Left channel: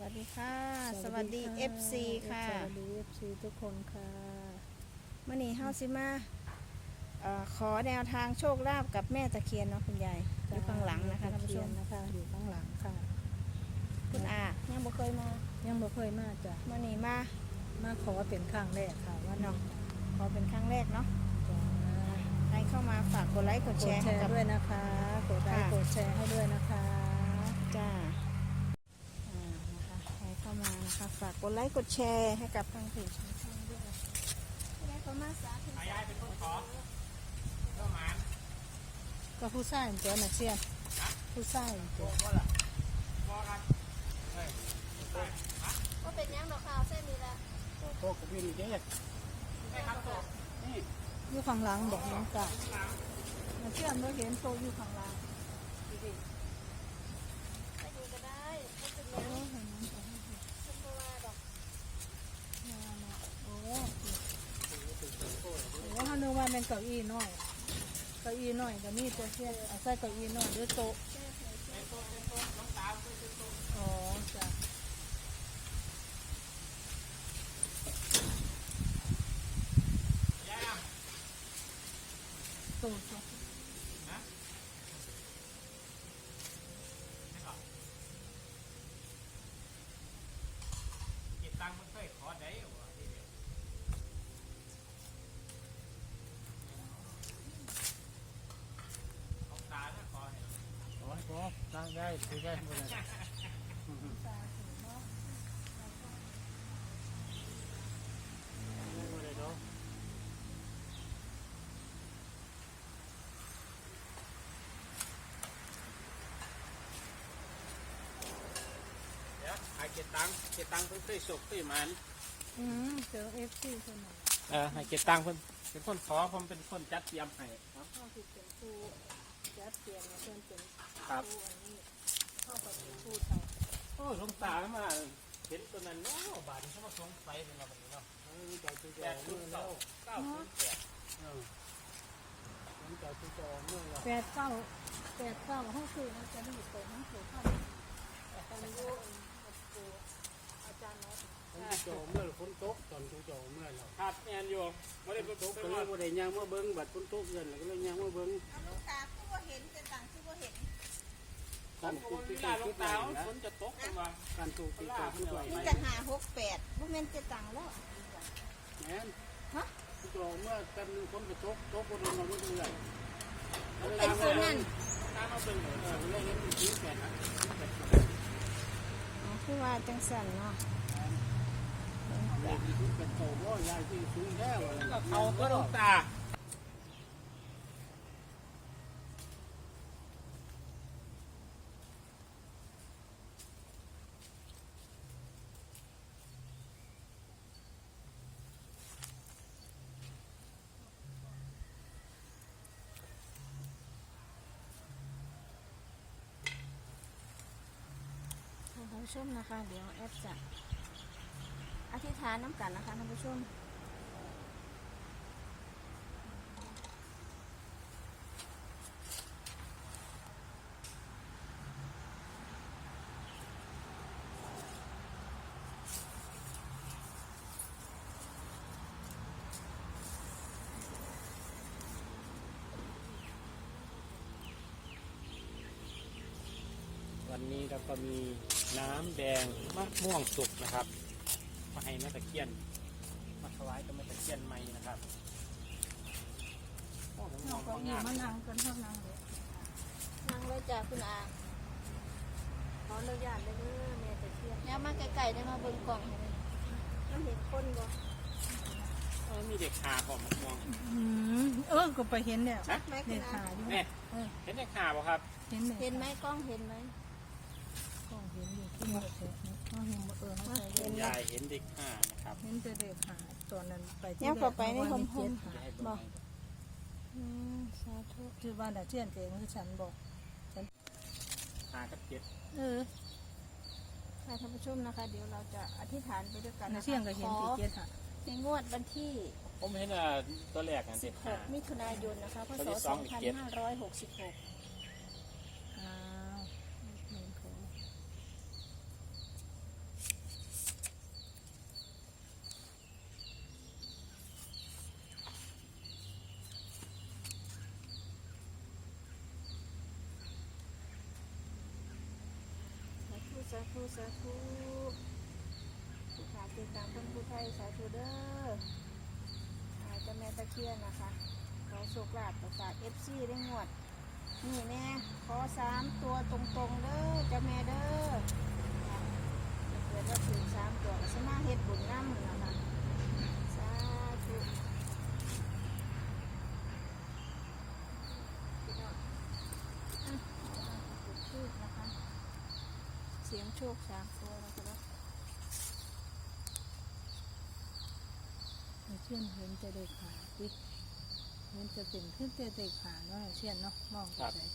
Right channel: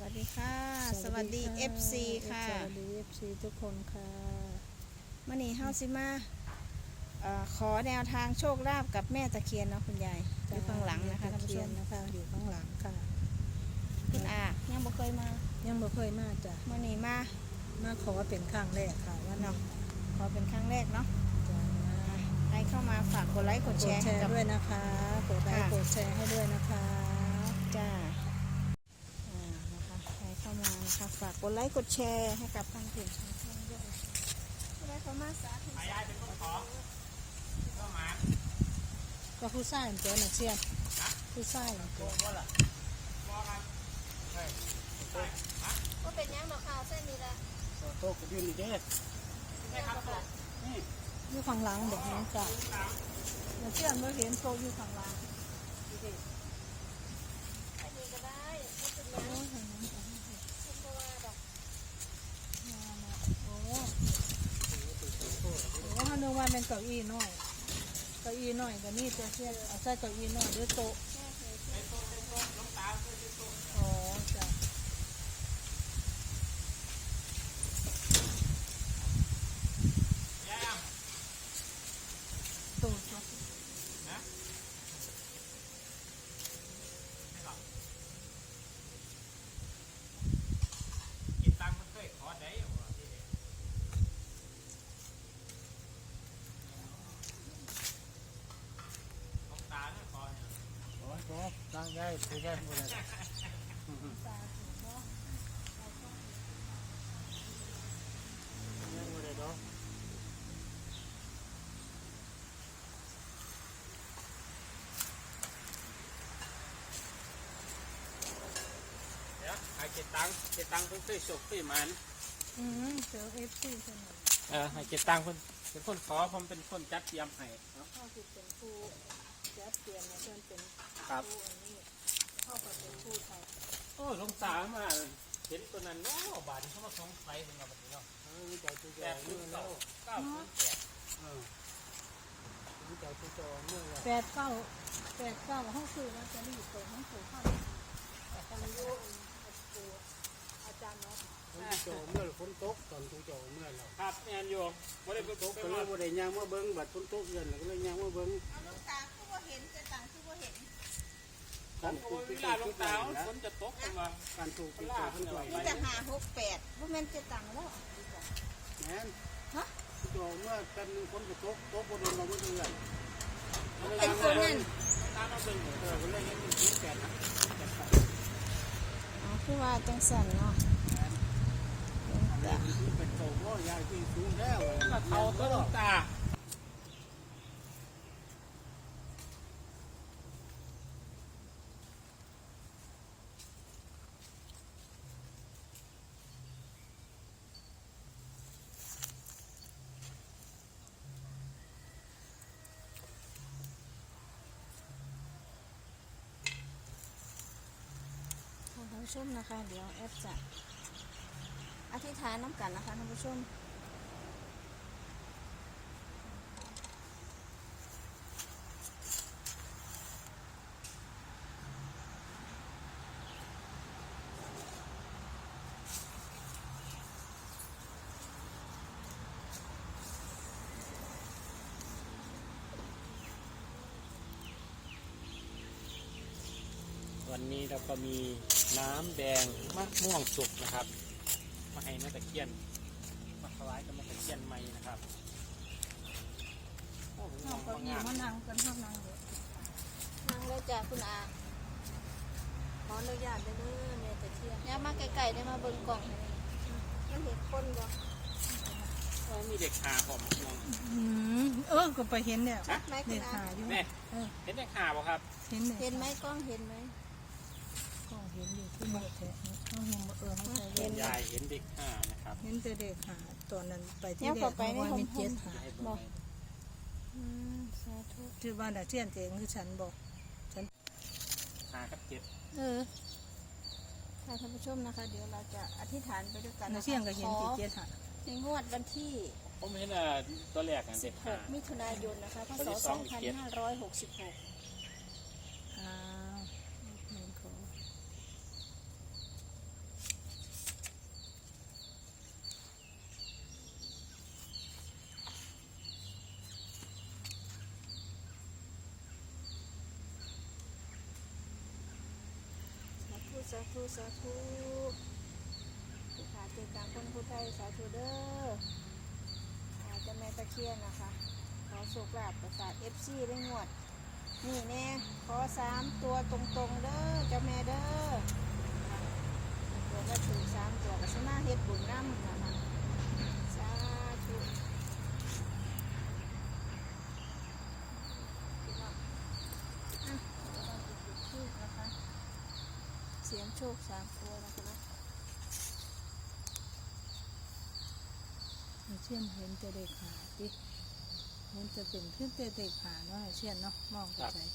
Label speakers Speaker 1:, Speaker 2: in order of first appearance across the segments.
Speaker 1: วัสดีค่ะสวัสดี FC ค่ะ
Speaker 2: สวัสดี FC ทุกคนค่ะ
Speaker 1: มื่อนี้เฮาสิมาขอแนวทางโชคลาภกับแม่ตะเคียนเนาะคุณยายอยู่ข้างหลังนะคะท่านผู้ชม
Speaker 2: นะคะอยู่ข้างหลังค่ะ
Speaker 1: คุณอายังบ่เคยมา
Speaker 2: ยังบ่เคยมาจ้ะ
Speaker 1: มื่อนี้
Speaker 2: มาขอเป็นครั้งแรกค่ะว่า
Speaker 1: เนาะขอเป็นครั้งแรกเนาะ
Speaker 2: จ้ะ
Speaker 1: ใครเข้ามาฝากกดไลค์กดแชร์ให้กับ
Speaker 2: ด้วยนะคะกดไลค์กดแชร์ให้ด้วยนะคะ
Speaker 1: จ้านะคะใครเข้ามานะคะฝากกดไลค์กดแชร์ให้กับทางเพจช่องด้วยได้เข้ามาสาธุสาธุ
Speaker 2: ก็ผู้ชายเจ้าหน้าเชียนผู้ชายเจ้า
Speaker 1: ก็เป็นยังดอกข่าวเส้นนี้ละ
Speaker 3: โคกกระดิ่งนี่เด้
Speaker 1: ยังบ่ค่ะ
Speaker 2: อยู่ข้างหลังบอกน้องจ้ะหน้าเชียนเราเห็นโพอยู่ข้างหลัง
Speaker 1: อันนี้ก็ได้ก็เป็นยังคุณบ่ว่าดอก
Speaker 2: โอ้ฮานูว่าเป็นเก้าอี้น้อยเก้าอี้น้อยก็นี่ตัวเชียนเอาใส่เก้าอี้น้อยด้วยโต๊ะอ๋อจ้ะโต๊ะ
Speaker 3: โอ้ยพอตั้งได้ถือได้หมดเลยเก็บตังค์ซื้อจบซื้อแมน
Speaker 2: เจอFC ใช่ไหม
Speaker 3: ให้เก็บตังค์เป็นคนขอผมเป็นคนจัดเตรียมให้ครับ
Speaker 2: พ่อคือเป็นผู้แจ๊บเปลี่ยนมาเพื่อนเป็น
Speaker 3: ครับ
Speaker 2: ผู้อันนี้พ่อก็เป็นผู้ไทย
Speaker 3: โอ้ยสงสารมาเห็นตัวนั้นเนาะบาทเขามาสงสัยเป็นเราแบบนี้เนาะนี่จ่ายตัวจ่ายเมื่อแล้ว908นี่จ่ายตัวจ่ายเมื่อแล้ว
Speaker 2: 8 9ห้องซื้อมาจะรีบเปิดห้องสูงเข้าแต่คนรู้อาจารย์เนาะ
Speaker 3: ตัวจ่ายเมื่อฝนตกตอนตัวจ่ายเมื่อแล้วครับแอนอยู่ไม่ได้ฝนตกก็เลยไม่ได้ยางมาเบิ้งบัดฝนตกเย็นแล้วก็เลยยางมาเบิ้งการถูกเวลาลงตาฝนจะตกกันมาการถูกตาขึ้นมา
Speaker 1: นี่จะ568บ่แม่นจะตังแล้ว
Speaker 3: แม่นฮะตัวเมื่อกันฝนจะตกบนเราไม่ได้เลย
Speaker 1: เป็นคนนั่น
Speaker 3: ตาเราเป็นเลยเป็นเรื่องนี้มีแก่นะ
Speaker 1: อ๋อคือว่าจังสั่นเนาะ
Speaker 3: เป็นโตก็ยายที่สูงแล้วเขาตัวลงตา
Speaker 1: ท่านผู้ชมนะคะเดี๋ยวแอปจะอธิษฐานน้ำกันนะคะท่านผู้ชม
Speaker 3: วันนี้เราก็มีน้ำแดงมะม่วงสุกนะครับมาให้แม่ตะเคียนมาถวายกับแม่ตะเคียนใหม่นะครับ
Speaker 2: เราก็อยู่มานั่งกันข้างนั่งเลย
Speaker 1: นั่งเลยจ้ะคุณอาขออนุญาตเลยเด้อแม่ตะเคียนเนี่ยมาไกลๆได้มาเบิ่งกล่องให้มันเห็นคนบ่
Speaker 3: มีเด็กขาผมมะม่วง
Speaker 2: ก็ไปเห็นเนี่ย
Speaker 1: ชัดไหมคุณอา
Speaker 3: เห็นเด็กขาบ่ครับ
Speaker 1: เห็นไหมกล้องเห็นไหม
Speaker 2: ก็เห็นอยู่ที่มือเถอะเขาเห็น
Speaker 3: เห็นยายเห็นเด็กขานะครับ
Speaker 2: เห็นแต่เด็กหาตอนนั้นไปที่
Speaker 1: แรก
Speaker 2: เพราะว่ามี7 หา
Speaker 1: บอกสาธุ
Speaker 2: ที่บ้านดาเจียนเองคือฉันบอกฉัน
Speaker 3: ขากับ7
Speaker 1: ค่ะท่านผู้ชมนะคะเดี๋ยวเราจะอธิษฐานไปด้วยกัน
Speaker 2: นะ
Speaker 1: นะคะ
Speaker 2: เที่ยงก็เห็นที่7 หา
Speaker 1: ในงวดวันที่
Speaker 3: ผมเห็นตัวแรก
Speaker 1: 16 มิถุนายนนะคะพศ 2566
Speaker 2: อ้าว
Speaker 1: สาธุสาธุผู้ขาติดตามคนผู้ไทยสาธุเด้อเจ้าแม่ตะเคียนนะคะขอโชคลาภประสาทFCได้งวดนี่แน่ขอ3 ตัวตรงๆเด้อเจ้าแม่เด้อเกิดว่าถึง3 ตัวก็สมาเฮ็ดบุญนำนะคะสาธุพี่น้องจุดธูปนะคะเสียงโชค3 ตัวนะคะ
Speaker 2: เชื่อนเห็นจะเด็กหาดิเห็นจะเป็นขึ้นเด็กหาเนาะเชื่อนเนาะมองไปใส่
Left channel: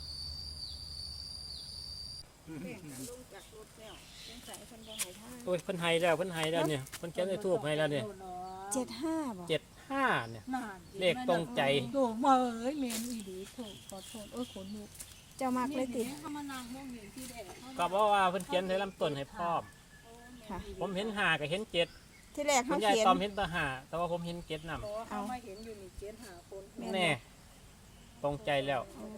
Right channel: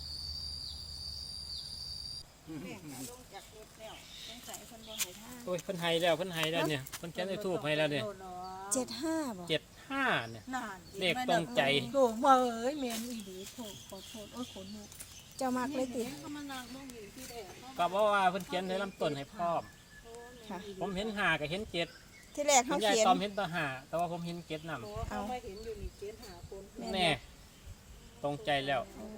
Speaker 1: แม่ขาลงจากรถแล้วสงสัยคนบ่หายท่า
Speaker 3: โอ้ยเพิ่นให้แล้วเนี่ยเพิ่นเขียนได้ถูกให้แล้วเนี่ย
Speaker 1: 75บ่
Speaker 3: 75เนี่ย
Speaker 2: นาน
Speaker 3: เลขตรงใจ
Speaker 2: โด่งมาเอ้ยเมนอีดีโถขอโทษขนลุก
Speaker 1: เจ้ามากเลยติ
Speaker 2: ก็มานางมองอยู่ที่แดด
Speaker 3: ก็บอกว่าเพิ่นเขียนให้ลำต้นให้พร้อม
Speaker 1: ค่ะ
Speaker 3: ผมเห็น5กับเห็น7
Speaker 1: ที่แรก
Speaker 3: คุ
Speaker 1: เขา
Speaker 3: ณยาย
Speaker 1: เขียน
Speaker 3: ตอมเห็นแต่5แต่ว่าผมเห็น7นำ
Speaker 2: เอามาเห็นอยู่นี่เกณฑ์หาคน
Speaker 3: แน่ตรงใจแล้ว
Speaker 1: โอ้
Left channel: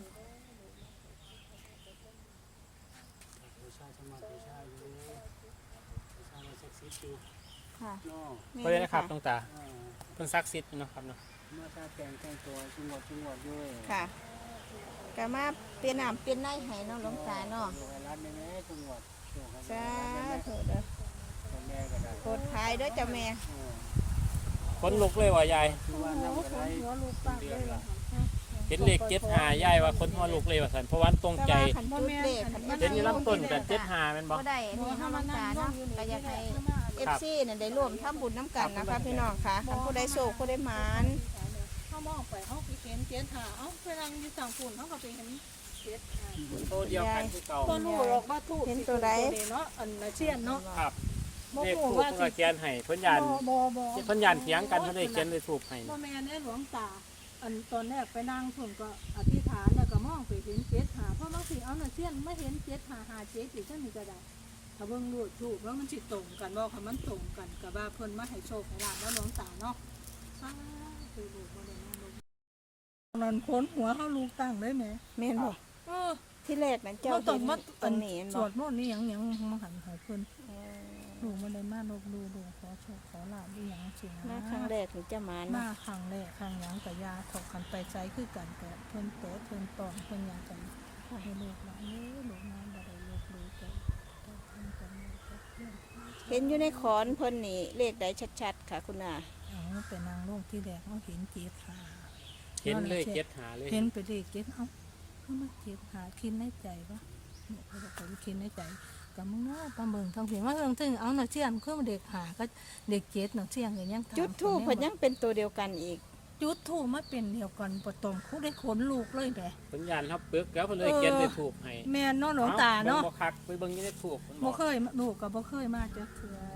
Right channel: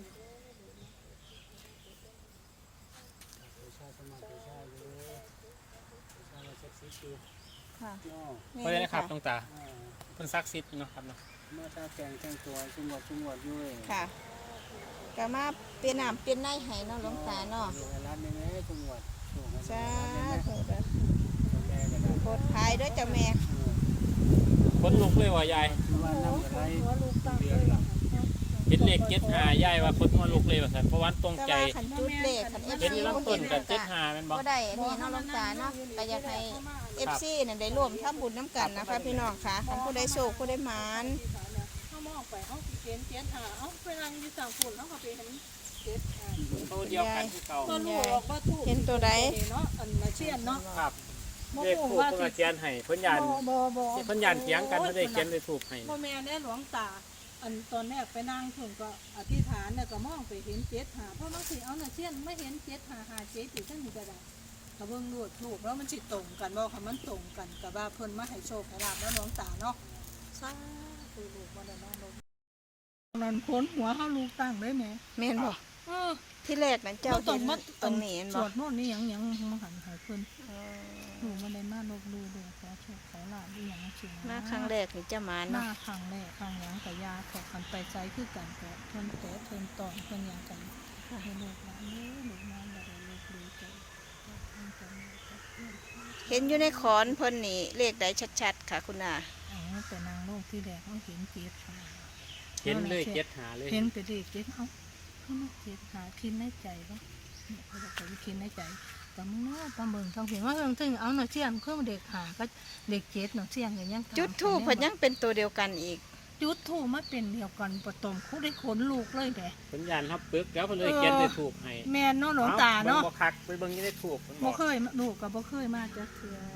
Speaker 3: ชาสมาธิชาอยู่ชามาศักดิ์สิทธิ์อยู่
Speaker 1: ค่ะ
Speaker 3: เนาะ
Speaker 1: นี่
Speaker 3: เพิ่นนะครั
Speaker 1: ค่ะ
Speaker 3: บตรงตาเพิ่นศักดิ์สิทธิ์เนาะครับเนาะ
Speaker 4: มาตาแต่งแต่งตัวจังหวัดอยู่
Speaker 1: ค่ะก็มาเป็นน้ำเป็นในให้เนาะหลวงตาเนาะ
Speaker 4: อยู่รับในแม่จังหวัดโชค
Speaker 1: สาธุเด้อ
Speaker 4: แม่ก็ได้
Speaker 1: โปรดภายด้วยเจ้าแม่
Speaker 3: คนลุกเลยว่ายาย
Speaker 4: ว่าน้ำอะไร
Speaker 2: หัวลูกตาเลย
Speaker 3: เห็นเลข75ยายว่าคนหัวลุกเลยว่าซั่นเพราะว่าตรง
Speaker 1: แต่
Speaker 3: ใจ
Speaker 1: ว่าขันจุดเลขขัน
Speaker 3: เห็น
Speaker 1: FC
Speaker 3: อยู่
Speaker 1: บ่
Speaker 3: ลำต้
Speaker 1: เห็
Speaker 3: น
Speaker 1: น
Speaker 3: แบบ
Speaker 1: ก็
Speaker 3: 75แม่นบ่
Speaker 1: บ่ได้นี่เนาะหลวงตาเนาะก็อยากให้ FC น่ะได้ร่วมทำบุญน้ำกันนะคะพี่น้องค่ะคันผู้ใดโชคผู้ใดหมาน
Speaker 2: เขามองไปเขาเห็นเกณฑ์หาเอ้าไปนั่งอยู่สั่งฝุ่นเขาก็ไปเห็นเกณฑ์หา
Speaker 3: ตัวเดียวกันคือเก่า
Speaker 2: ก็รู้หรอกว่าถูกเนาะอันละเชียนเนาะ
Speaker 3: ครับ
Speaker 2: บ่
Speaker 3: เลข
Speaker 2: ฮู้
Speaker 3: ถูก
Speaker 2: ว่า
Speaker 3: เพิ่นก็เขียนให้เพิ่นยาน
Speaker 2: บ่
Speaker 3: เพิ่นยานเถียงกันเพิ่นได้เขียนได้ถูกให้
Speaker 2: บ่แม่นหลวงตาอันตอนแรกไปนั่งฝุ่นก็อธิษฐานแล้วก็มองไปเห็นเกณฑ์หาเพราะบางทีเอาละเชียนไม่เห็นเกณฑ์หาเจ๊อยู่ซั่นนี่ก็ได้ถ้าเบิ่งดูถูกแล้วมันสิตรงกันบ่ค่ะมันตรงกันกับว่าเพิ่นมาให้โชคให้ลาภแล้วหลวงตาเนาะสาธุลูกบ่ได้มาเลยมันค้นหัวเฮาลูกตั้งได้แหม
Speaker 1: แม่นบ่
Speaker 2: เออ
Speaker 1: ที่แรกนั้นเจ้า
Speaker 2: ต้
Speaker 1: เห็
Speaker 2: อง
Speaker 1: น
Speaker 2: มา
Speaker 1: ตรงนี้เห็น
Speaker 2: ส
Speaker 1: บ่
Speaker 2: วดโน่นนี่หยังมาหันหายเพิ่น
Speaker 1: เออ
Speaker 2: หนูมาได้มาลบดูขอโชคขอลาบอีหยังสูง
Speaker 1: มาครั้งแรกนี่เจ้าหมาน
Speaker 2: มา
Speaker 1: เนาะ
Speaker 2: ครั้งแรกครั้งหยังกับยาถกกันไปใจคือกันแต่เพิ่นแต่เพิ่นตอนเพิ่นหยังกันให้ลูกหลานลูกมาบ่ได้ลูกดูใจเพิ่นจะมีกับเพื่อน
Speaker 1: เห็นอยู่ในขอนเพิ่นนี่เลขใดชัดๆค่ะคุณอา
Speaker 2: เอาแต่นางโลกที่แรกเขาเห็นเจ็ดหา
Speaker 3: เห็นเลย75เลย
Speaker 2: เห็นไปเด็กเจ็ดเอ้านี่มันเจ็ดหาคิดในใจเนาะเนี่ยเขาบอกว่าคิดในใจแต่มึงเนาะตาเบิ่งทองเห็นว่าเรื่องถึงเอาหน่ะเชียนคือเด็กหาก็เด็กเจ็ดหน่ะเชียนกันยัง
Speaker 1: จุดทูปเพิ่นยังเป็นตัวเดียวกันอีก
Speaker 2: จุดทูปมาเป็นเดียวกันปตมคู่ได้ขนลูกเลยแหละ
Speaker 3: เพิ่นยานเฮาปึกแล้วเพิ่นเลยเขียนได้ถูกให้
Speaker 2: แม่นเนาะหลวงตาเนาะ
Speaker 3: บ่คักไปเบิ่งยังได้ถูก
Speaker 2: บ่เคยลูกก็บ่เคยมาจักเทื่อ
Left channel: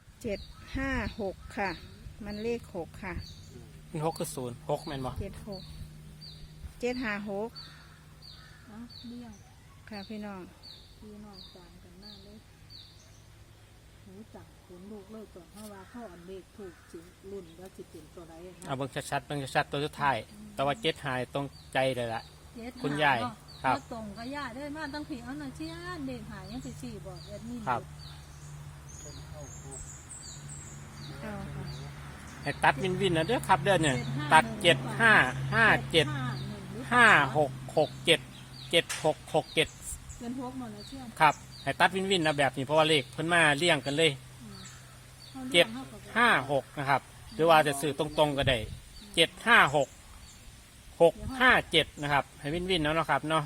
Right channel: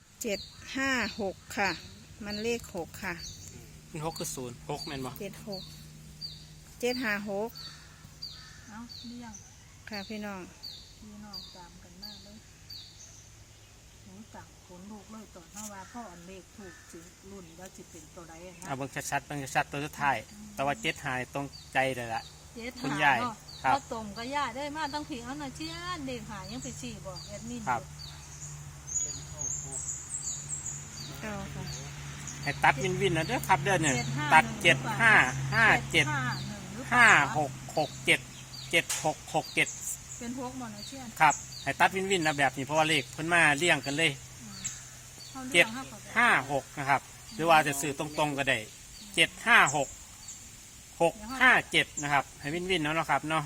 Speaker 1: 756ค่ะ มันเลข6ค่ะ
Speaker 3: มัน6คือ0 6แม่นบ่
Speaker 1: 76 756
Speaker 2: เอ้าเลี้ยง
Speaker 1: ค่ะพี่น้อง
Speaker 2: พี่น้องตามกันมาเลยหนูจักขนลูกเลยตอนเฮาว่าพ่ออันเลขถูกสิรุ่นว่าสิเป็นตัวใดนะ
Speaker 3: เอาเบิ่งชัดๆเบิ่งชัดๆตัวสุดท้ายแต่ว่า75ตรงใจเลยล่ะ
Speaker 2: เจ็ด
Speaker 3: คุณยาย
Speaker 2: เนาะ
Speaker 3: ครับ
Speaker 2: บ่ตรงก็ย่าได้มาต้องผีเอาหน่ะเชียนเด็กหายังไปสี่บอกแอดมิน
Speaker 3: ครับ
Speaker 1: เอาค่ะ
Speaker 3: ให้ตัดวินนะเด้อครับเด้อเนี่ยตัด7557 5667
Speaker 2: เป็นพวกมอนเชียน
Speaker 3: ครับให้ตัดวินนะแบบนี้เพราะว่าเลขเพิ่นมาเรียงกันเลย
Speaker 2: เขาเรียกเขาก็ได้
Speaker 3: 56นะครับหรือว่าจะสื่อตรงๆก็ได้756 657นะครับให้วินเนาะครับเนาะ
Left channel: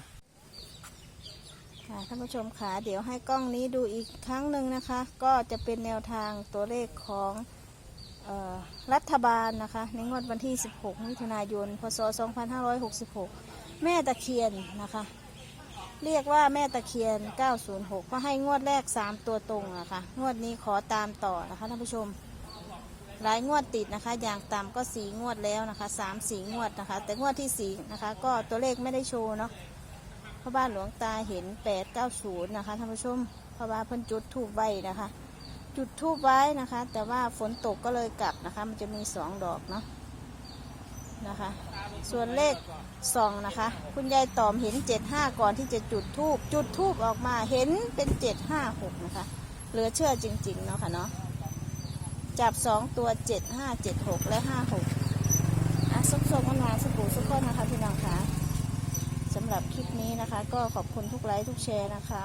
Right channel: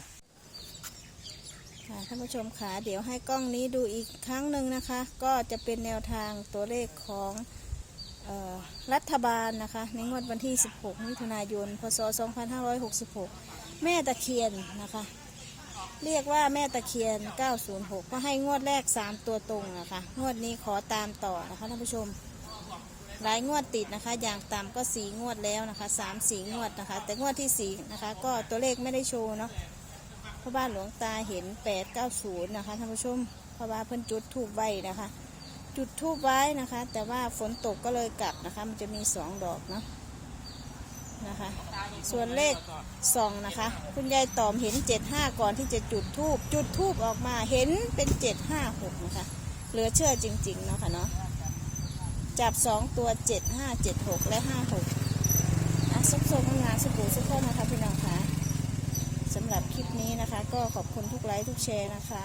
Speaker 1: ค่ะท่านผู้ชมค่ะเดี๋ยวให้กล้องนี้ดูอีกครั้งหนึ่งนะคะ ก็จะเป็นแนวทางตัวเลขของรัฐบาลนะคะในงวดวันที่ 16 มิถุนายน พศ 2566 แม่ตะเคียนนะคะ เรียกว่าแม่ตะเคียน 906 ก็ให้งวดแรก 3 ตัวตรงนะคะงวดนี้ขอตามต่อนะคะท่านผู้ชม หลายงวดติดนะคะอย่างต่ำก็4 งวดแล้วนะคะ3-4 งวดนะคะแต่งวดที่4นะคะก็ตัวเลขไม่ได้โชว์เนาะเพราะบ้านหลวงตาเห็น890นะคะท่านผู้ชมเพราะว่าเพิ่นจุดธูปไว้นะคะ จุดธูปไว้นะคะ แต่ว่าฝนตกก็เลยกลับนะคะมันจะมี2 ดอกเนาะนะคะ ส่วนเลขส่องนะคะ คุณยายตอมเห็น75ก่อนที่จะจุดทูบออกมาเห็นเป็น756นะคะเหลือเชื่อจริงๆเนาะค่ะเนาะจับ2ตัว7576และ56สุกๆมันมาสุกสุกคนนะคะพี่น้องคะสำหรับคลิปนี้นะคะ ก็ขอบคุณทุกไลค์ทุกแชร์นะคะ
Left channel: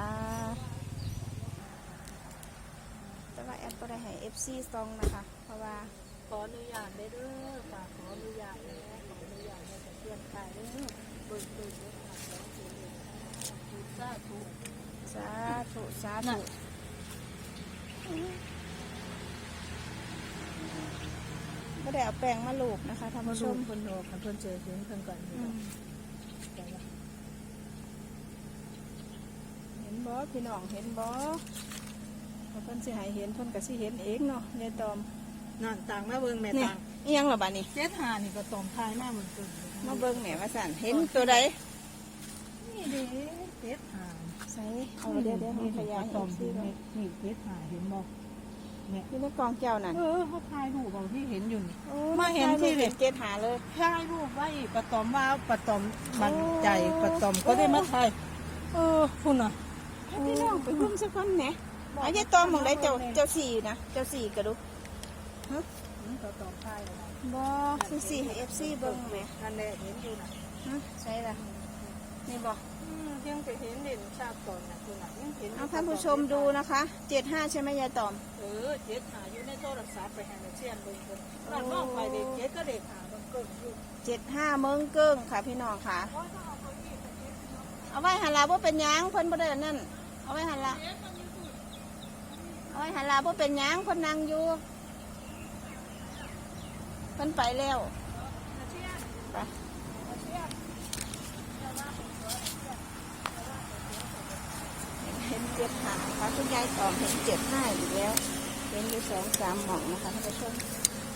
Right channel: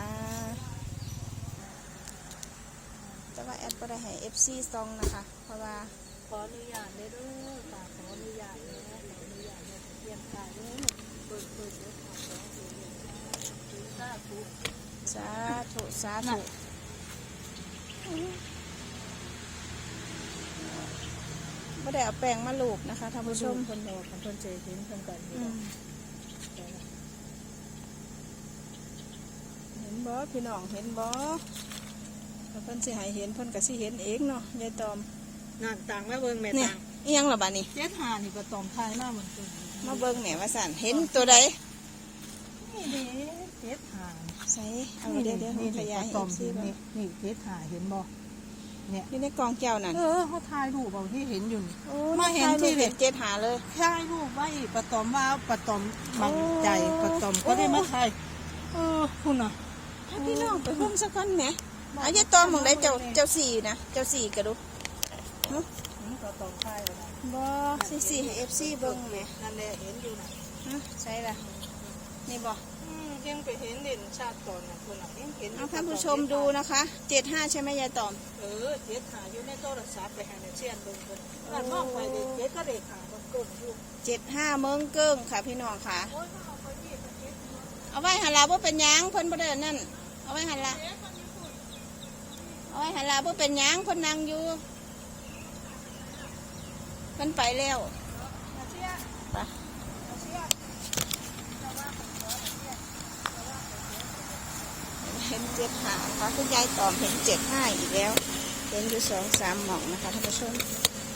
Speaker 1: แต่ว่าแอดก็ได้ให้ FC ซองนะคะเพราะว่า
Speaker 2: ขออนุญาตได้เด้อค่ะขออนุญาตแล้วขออนุญาตได้แต่เพียงแค่นี้เบิ่งเด้อค่ะขอเบิ่งเด้อค่ะสาธุ
Speaker 1: สาธุไม่ได้เอาแป้งมาลูบนะคะท่านผู้ชม
Speaker 2: คนโตของคนเจถึงคนต่าง
Speaker 1: เห็นบ่พี่น้องเห็นบ่ถ้าเพิ่นสิให้เห็นเพิ่นก็สิเห็นเองเนาะยายตอม
Speaker 2: น้ำต่างมาเบิ่งแม่
Speaker 1: นี่
Speaker 2: ต่าง
Speaker 1: อีหยังล่ะบัดนี้
Speaker 2: เจ็ดหานี่ก็ตอมทายหน้าเหมือนกัน
Speaker 1: มาเบิ่งแหม่ว่าสั่นเห็นตัวใด
Speaker 2: นี่เด้เจ็ดหา
Speaker 1: ใส่เอาเดี๋ยวนี่ขยายให้
Speaker 2: ตอม
Speaker 1: ซี
Speaker 2: เห็น
Speaker 1: เบิ่ง
Speaker 2: นี่เจ็ดหาเห็นบ่เนี่ย
Speaker 1: อยู่ในกองแก้วนั่น
Speaker 2: เขาทายรูปเอาที่เห็นอยู่นี่
Speaker 1: โอ้
Speaker 2: มาเห็นที่
Speaker 1: เห็นเจ็ดหาเลย
Speaker 2: ทายรูปไว้ปะตอมว่าปะตอมมั่นใจปะตอมก็ได้มาทายคุณน่ะ
Speaker 1: ให้พี่น้องไปหุ้มสักคนแหมเอายายตอมมองได้เจ้าสี่นะเจ้าสี่กระดู
Speaker 2: ปะตอมทายแล้วนะ
Speaker 1: บ่สี่ให้ FC เบิ่งแหม
Speaker 2: นั่นแหละเห็นอยู่น่ะ
Speaker 1: ฮะใช่ล่ะนี่บ่
Speaker 2: ยังไปเห็นเด่นชาติตอนน่ะคุณน่ะยังเห็น
Speaker 1: เอาท่านผู้ชมดูนะคะ75ใช่ไหมยายตอม
Speaker 2: เจ็ดหาอยู่ในโทรศัพท์ไปให้ในเชียนเบิ่งคนว่ามองไปเด็กเจ็ดก็เด็กหาตรงกลมอยู่
Speaker 1: 75เมืองเกิ้งค่ะพี่น้องค่ะ เอาไว้หันลาบ่เป็นหยังเพิ่นบ่ได้อันนั่นเอาไว้หันละเอาไว้หันลาบ่เป็นหยังเพิ่นนั่งอยู่เพิ่นไปแล้วไปเห็น75ขอคุณยายตอมเห็น75อีกแล้วเห็นอยู่2-3หม่องนะคะท่านผู้ชม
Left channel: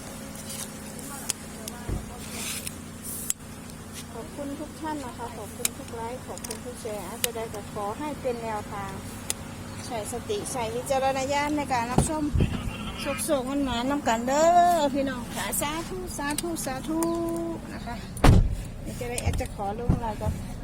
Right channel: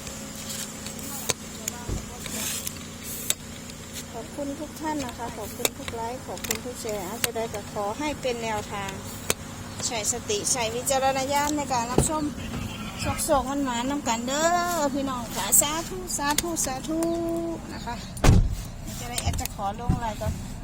Speaker 1: ขอบคุณทุกท่านนะคะขอบคุณทุกไลค์ขอบคุณทุกแชร์อาจจะได้ก็ขอให้เป็นแนวทางใช้สติใช้วิจารณญาณในการรับชมโศกมันหมานำกันเด้อพี่น้องค่ะสาธุนะคะนี่จะได้แอดจะขอลงอะไรกัน